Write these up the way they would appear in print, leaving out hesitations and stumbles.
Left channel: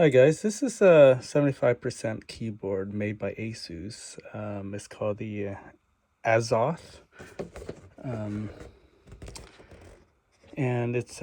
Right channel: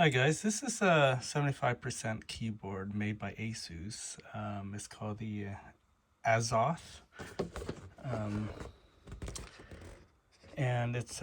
Hi guys, this is a 75% keyboard made by Asus. It's called the Azoth, um, and it's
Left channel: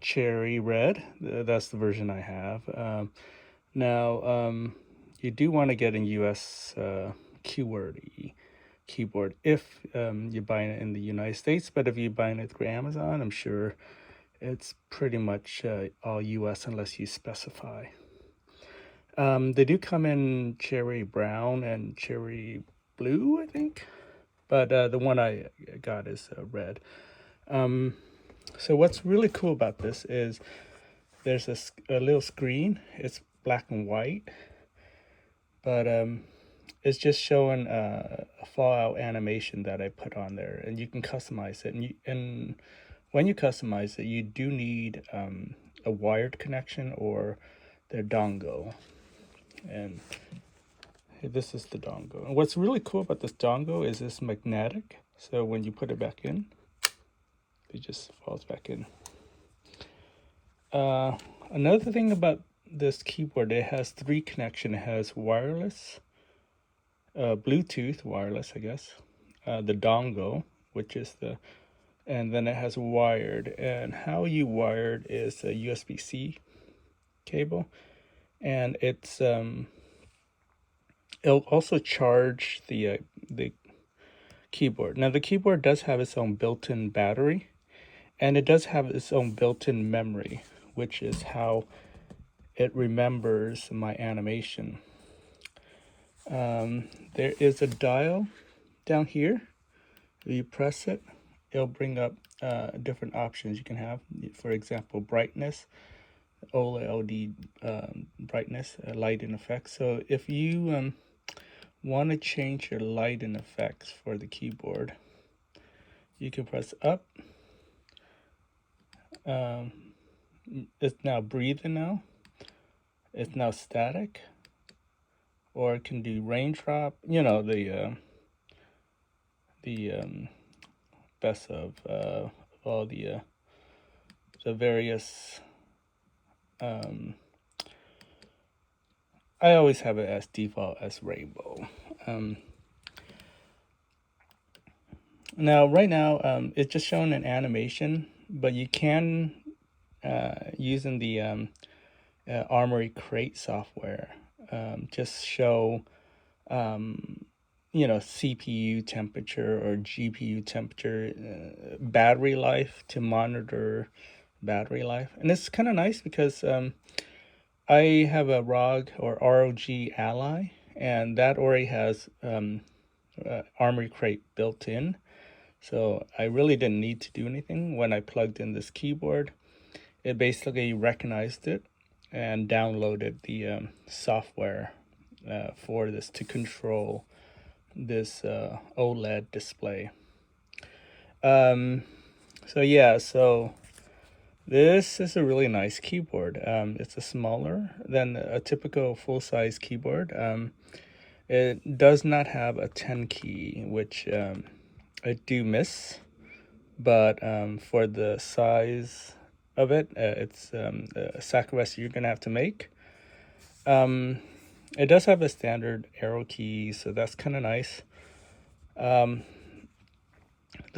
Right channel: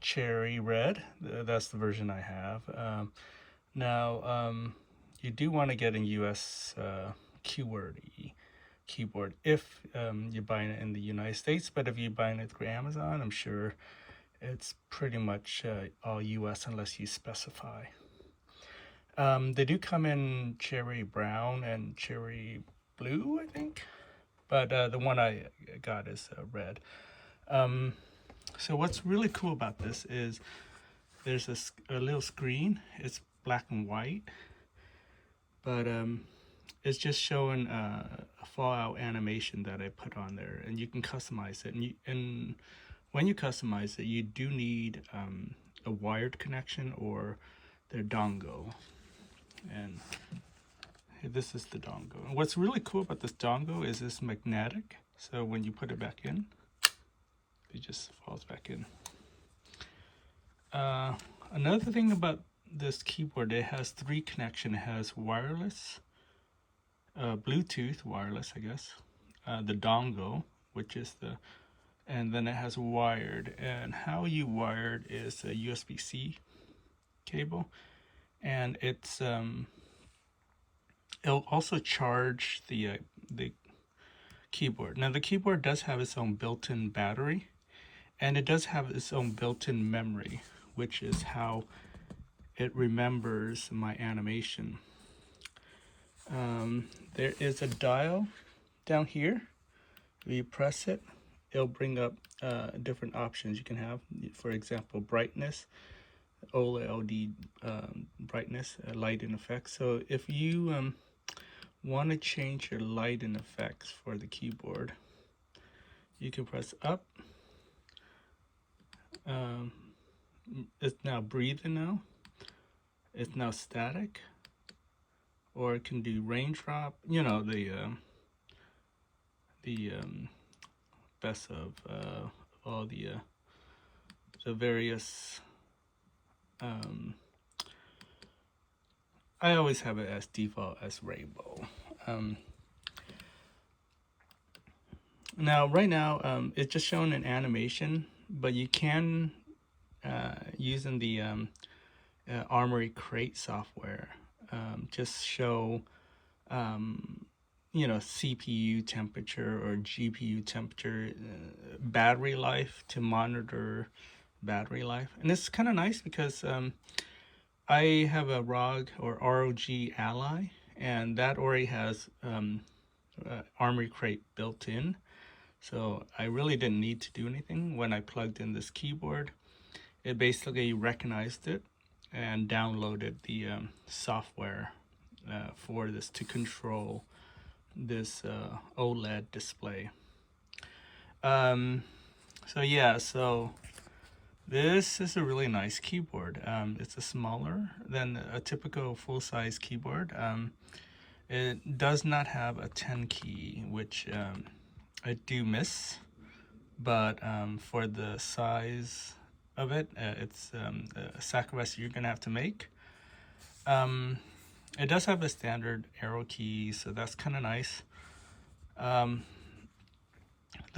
cherry red. That's the version I have. Now, you do want to get a US QWERTY keyboard if you're buying it in the United States, but if you're buying it through Amazon, I'm sure it's pretty much all US unless you specify. They do come in cherry brown and cherry blue, I think, but the one I got is red. So what's really cool about this is there's a little screen. It's black and white, but it's just showing a fallout animation that I put on there, and you can customize it. And when you customize it, you do need a wired connection or their dongle. And this is the dongle. And what's really cool about this dongle is it's magnetic. So when you put it back in, it just falls back in. Another thing about this keyboard, it has 3 connections. It has wireless, Bluetooth wireless, I guess, the dongle, which is and then it has wired. And how you wired is a USB-C cable. And it'll also charge the keyboard. Now the keyboard does have its own built-in battery, and it does have its own built-in memory, which is how it remembers my animation. There is a dial down here. If you press it, it'll bring up different options you can have. For example, brightness, OLED brightness, light and effects. So if you want to change your light and effects for the keyboard, you can press up. It's now breathing now. It's now static, or it can do raindrop. You know, the best of all the various. I always have it as default as rainbow. Now, right now, it's just showing an animation, but you can, using the Armory Crate software, just show, CPU temperature or GPU temperature, battery life to monitor battery life. And it's kind of nice because I have a ROG or ROG Ally, and that already has Armory Crate built in. So I really didn't need to do anything. When I plugged in this keyboard, it basically recognized it and downloaded the software for this to control this OLED display. So this is a really nice keyboard. It's a smaller than a typical full-size keyboard. It does not have a 10 key, which I do miss, but for the size of it, it's a sacrifice you're gonna have to make. It does have a standard arrow key, so that's kind of nice. The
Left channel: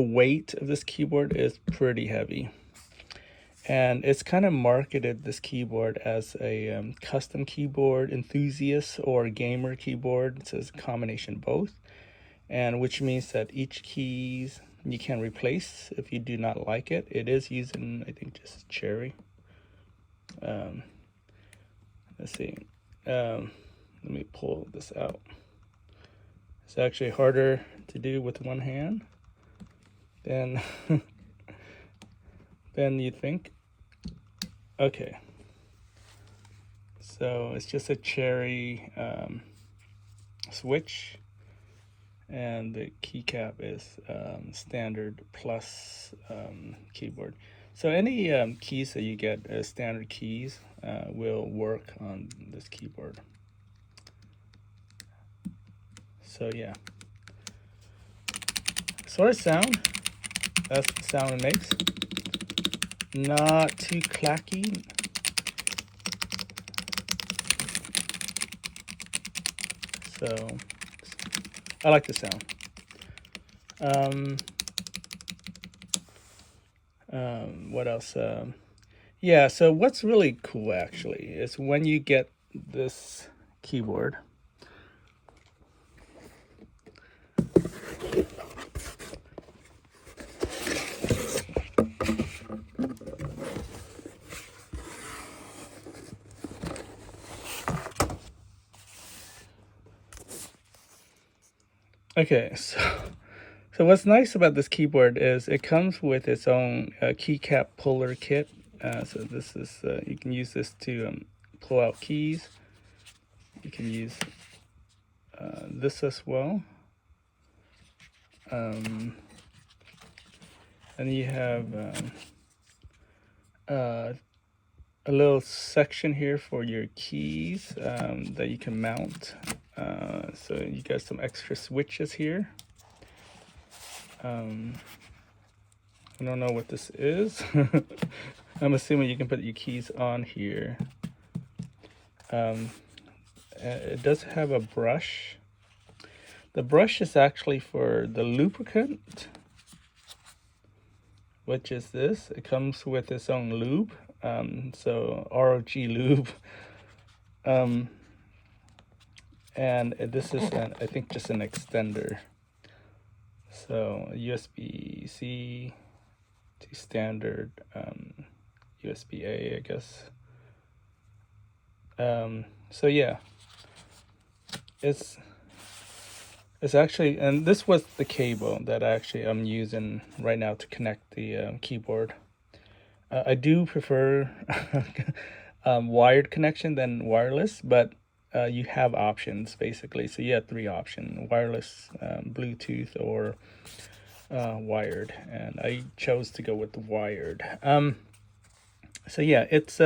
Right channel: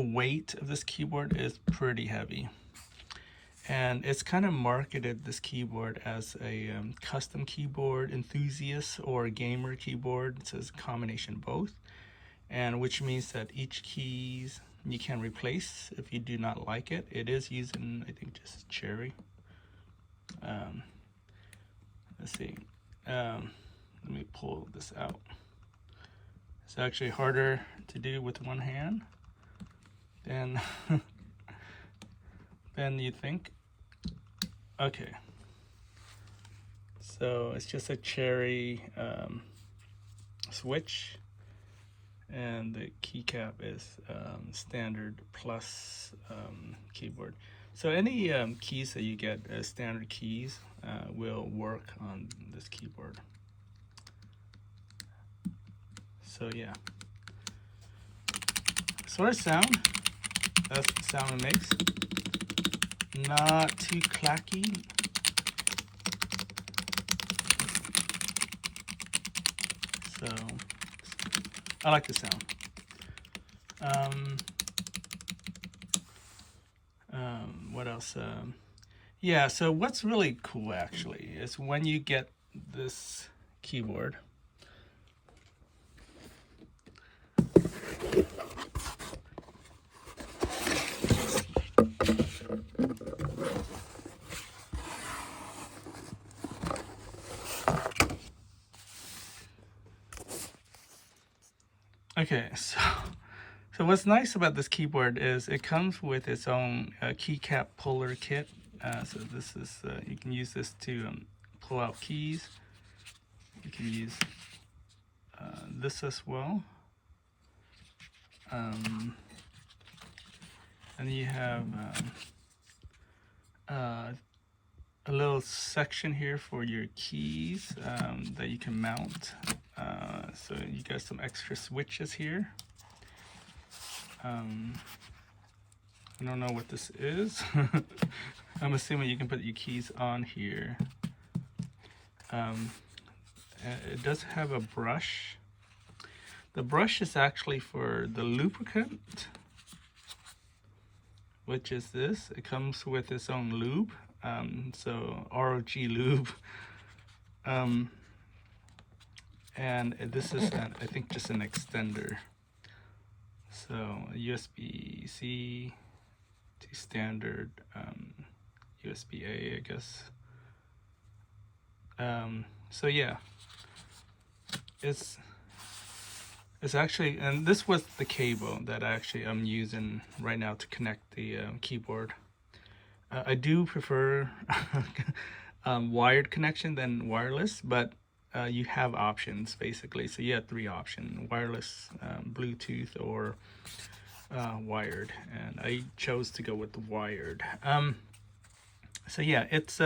weight of this keyboard is pretty heavy, and it's kind of marketed this keyboard as a custom keyboard enthusiast or gamer keyboard. It says combination both, and which means that each keys you can replace if you do not like it. It is using, I think, just cherry. Let's see. Let me pull this out. It's actually harder to do with one hand than than you think. Okay. So it's just a cherry switch, and the keycap is standard plus keyboard. So any keys that you get as standard keys will work on this keyboard. So yeah. As far as sound, that's the sound it makes. Not too clacky. So I like the sound. What else? Yeah, so what's really cool actually is when you get this keyboard. Okay, so what's nice about this keyboard is it comes with its own keycap puller kit. So this is you can use this to pull out keys. You can use this as well. And you have a little section here for your keys that you can mount. So you got some extra switches here. I don't know what this is. I'm assuming you can put your keys on here. It does have a brush. The brush is actually for the lubricant, which is this. It comes with its own lube. So ROG lube. And this is, I think, just an extender. So USB-C to standard USB-A, I guess. So yeah, it's actually, and this was the cable that I'm using right now to connect the keyboard. I do prefer wired connection than wireless, but you have options basically. So you have 3 options: wireless, Bluetooth, or wired. And I chose to go with the wired. So yeah, it's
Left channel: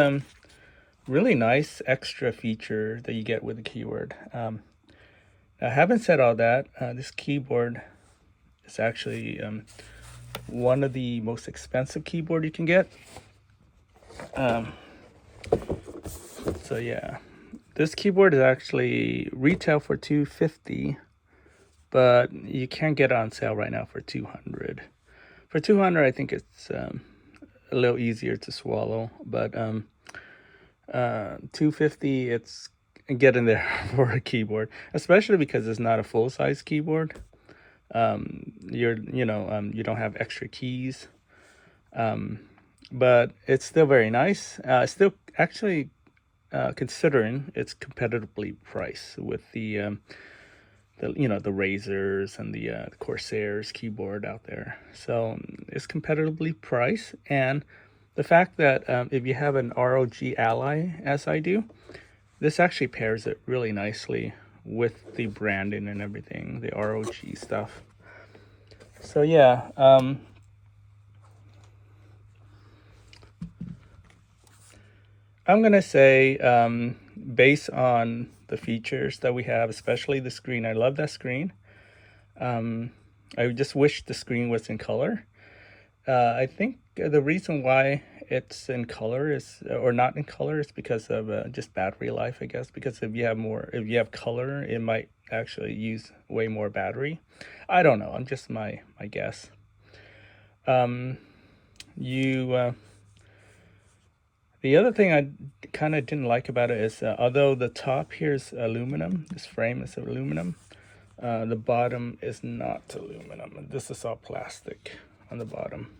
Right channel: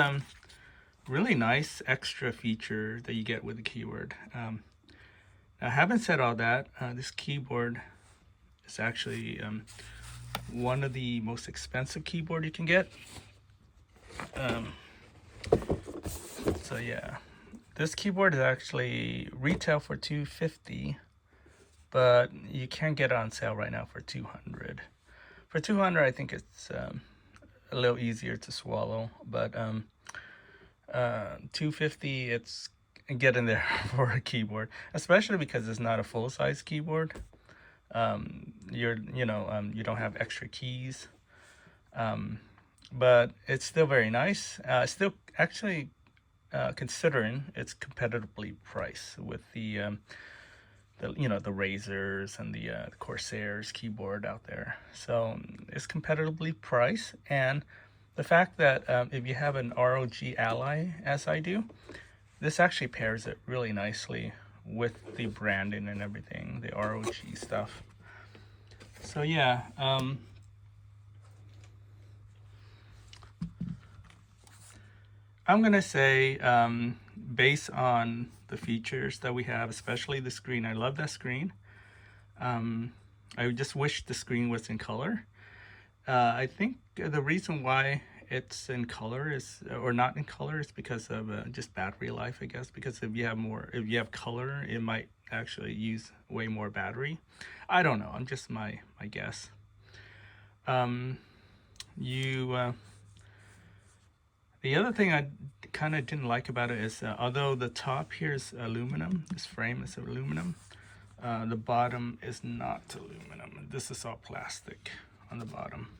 really nice extra feature that you get with the keyboard. Now, having said all that, this keyboard is actually one of the most expensive keyboard you can get. So yeah, this keyboard is actually retail for $250, but you can get it on sale right now for $200. For $200, I think it's a little easier to swallow, but $250, it's getting there for a keyboard, especially because it's not a full-size keyboard. You don't have extra keys, but it's still very nice. Still actually considering it's competitively priced with the Razors and the Corsairs keyboard out there. So it's competitively priced, and the fact that if you have an ROG Ally, as I do, this actually pairs it really nicely with the branding and everything, the ROG stuff. So yeah, I'm gonna say, based on the features that we have, especially the screen, I love that screen. I just wish the screen was in color. I think the reason why it's in color is, or not in color, is because of just battery life, I guess. Because if you have color, it might actually use way more battery. I don't know. I'm just my guess. The other thing I kind of didn't like about it is, although the top here is aluminum, this frame is aluminum, the bottom is not aluminum. This is all plastic on the bottom.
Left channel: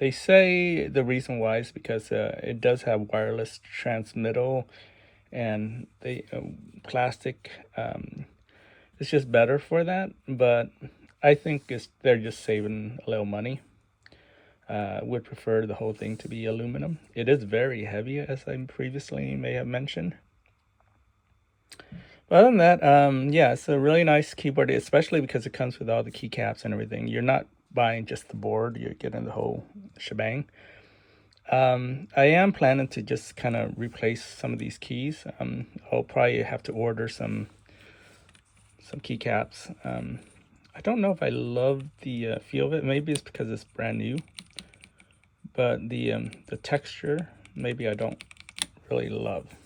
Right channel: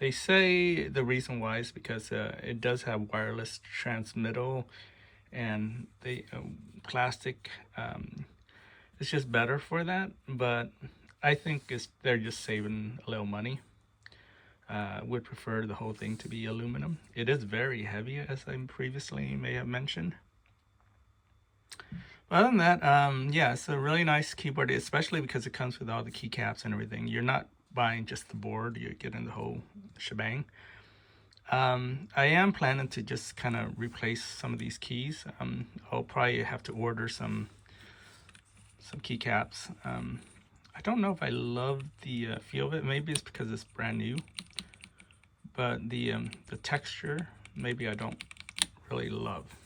They say the reason why is because it does have wireless transmittal, and the plastic is just better for that. But I think they're just saving a little money. Would prefer the whole thing to be aluminum. It is very heavy, as I previously may have mentioned. But other than that, yeah, it's a really nice keyboard, especially because it comes with all the keycaps and everything. You're not buying just the board, you're getting the whole shebang. I am planning to just kind of replace some of these keys. I'll probably have to order some keycaps. I don't know if I love the feel of it. Maybe it's because it's brand new. But the texture, maybe I don't really love.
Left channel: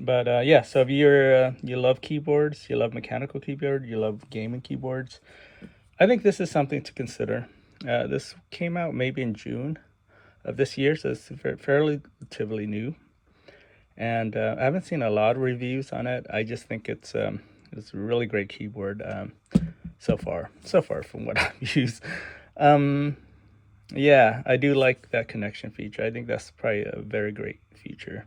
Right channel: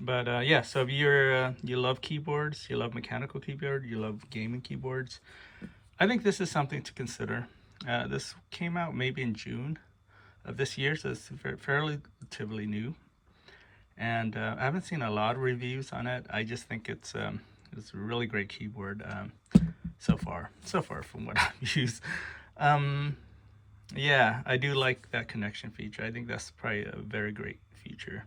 But yeah, so if you love keyboards, you love mechanical keyboard, you love gaming keyboards, I think this is something to consider. This came out maybe in June of this year, so it's fairly relatively new. And I haven't seen a lot of reviews on it. I just think it's a really great keyboard so far from what I've used. Yeah, I do like that connection feature. I think that's probably a very great feature.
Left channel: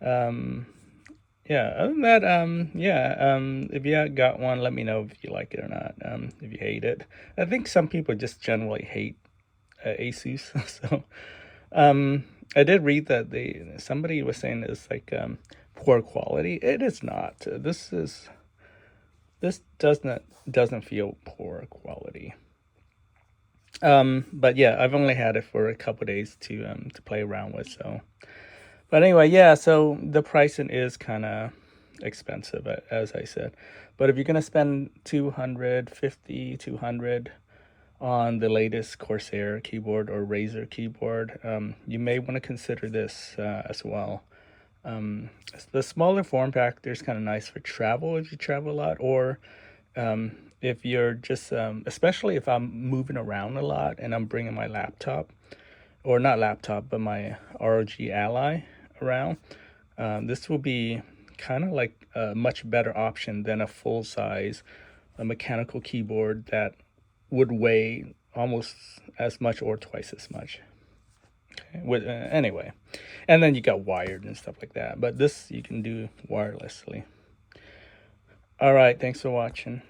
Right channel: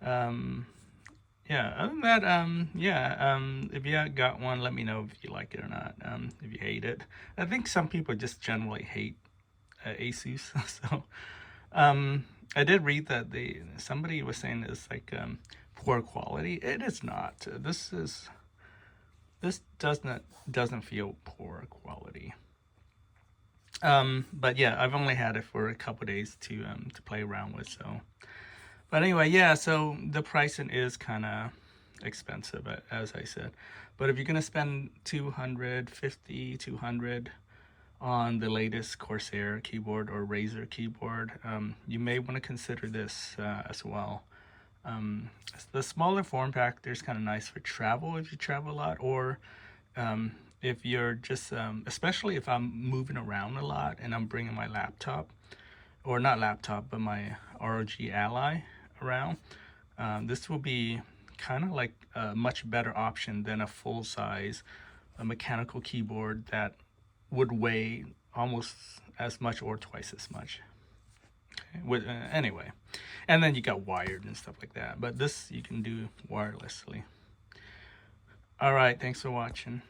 Yeah, other than that, if you got one, let me know if you like it or not. If you hate it, I think some people just generally hate Asus. So, I did read that somebody was saying it's like poor quality. It is not. This doesn't feel poor quality. But yeah, I've only had it for a couple days to play around with. So, but anyway, yeah. So the pricing is kind of expensive, as I said. But if you're gonna spend 200 on the latest Corsair keyboard or Razer keyboard, you may want to consider this as well. The smaller form factor is kind of nice for travel if you travel a lot, or if you're just, especially if I'm moving around a lot and I'm bringing my laptop, or not laptop, but my ROG Ally around, this will be kind of like a much better option than a full-size mechanical keyboard that would weigh almost as much or twice as much. Okay. Anyway, and then you got wired and stuff like that, but this you can do wirelessly. All right, thanks for watching.